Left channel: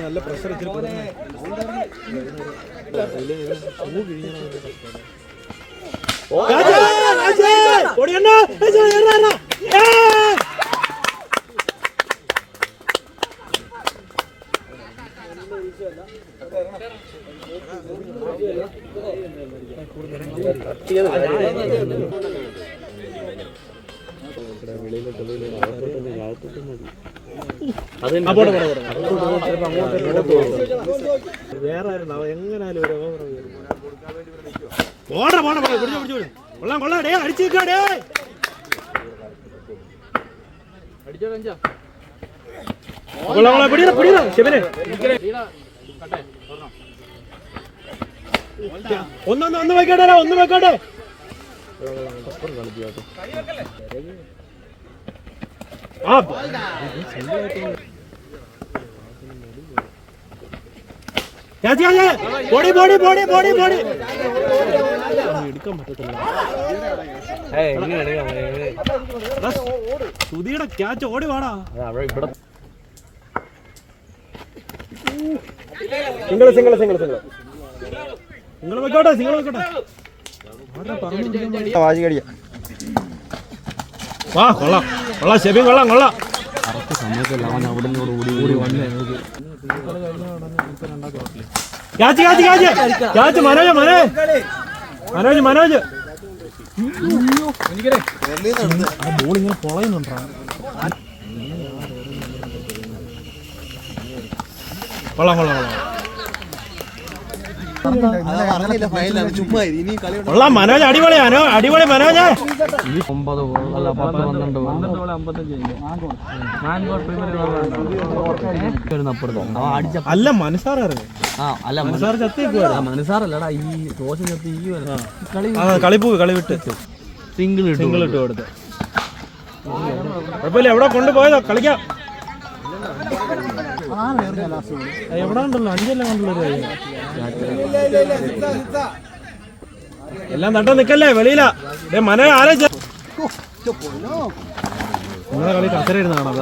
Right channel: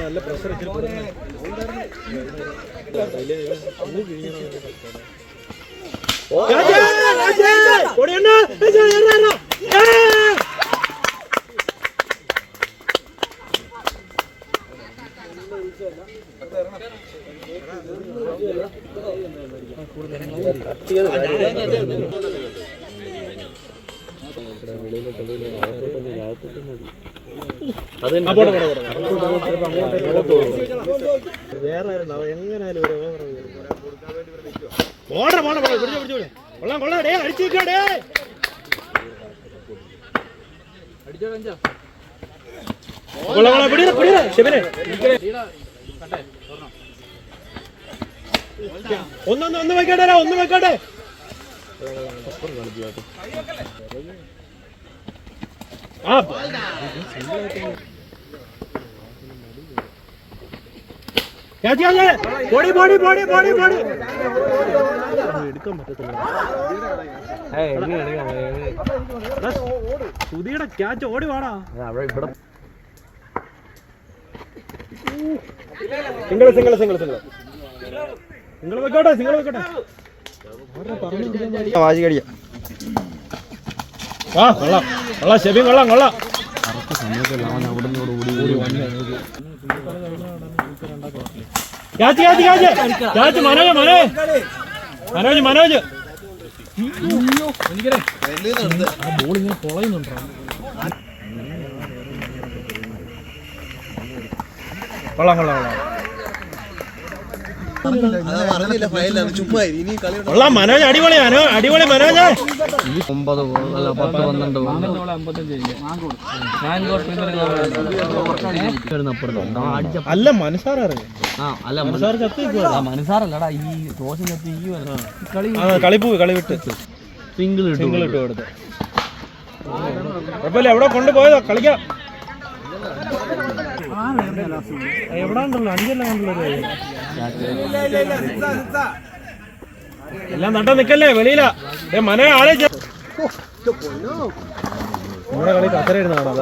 നല്ല പ്രഷർ ഒന്ന് വെക്കട്ടെ ഒന്ന് വെക്കട്ടെ സുധിയുടെ ക്യാച്ച് ഓടി വേണോ സിംഗിൾ സിംഗിൾ സിംഗിൾ സിംഗിൾ നിങ്ങൾ വെക്കോട്ടെ സിംഗിൾ വെക്കോട്ടെ വാശി കടിയ വാ കൊള്ളാം കൊള്ളാം ഷെബി കൊള്ളാം കൊള്ളാം കറക്റ്റ് സമയത്തല്ല അവൻ അവിടെ നിന്നോട് ഓടി ഓടി മനോജ് മനോജ് മനോജ് മനോജ് ബോളിങ്ങനെ പൊളയുന്നുണ്ടോ കൊള്ളാം കൊള്ളാം കൊള്ളാം മനോജ് അടിപൊളി അടിപൊളി മനോജ് 9 അല്ല 10 12 അല്ല മനസാർ ഇറങ്ങി മനസാറല്ലടാ ഈ ദോശ ചത്തി ഈ കളിപ്പൂ കളി വിട്ട് സിംഗിൾ ഇട്ട് കൊടുത്ത് കുഴപ്പമില്ല എവിടെ കൊണ്ടുപോയതോ കളിക്കാം എവിടെ ഉണ്ടല്ലോ 5 കണ്ടുള്ളൂ എല്ലാം നട്ട നിക്കല്ലേ വെളിയില മന ആലോചിച്ച കളി കസര ഇരുന്നാണത്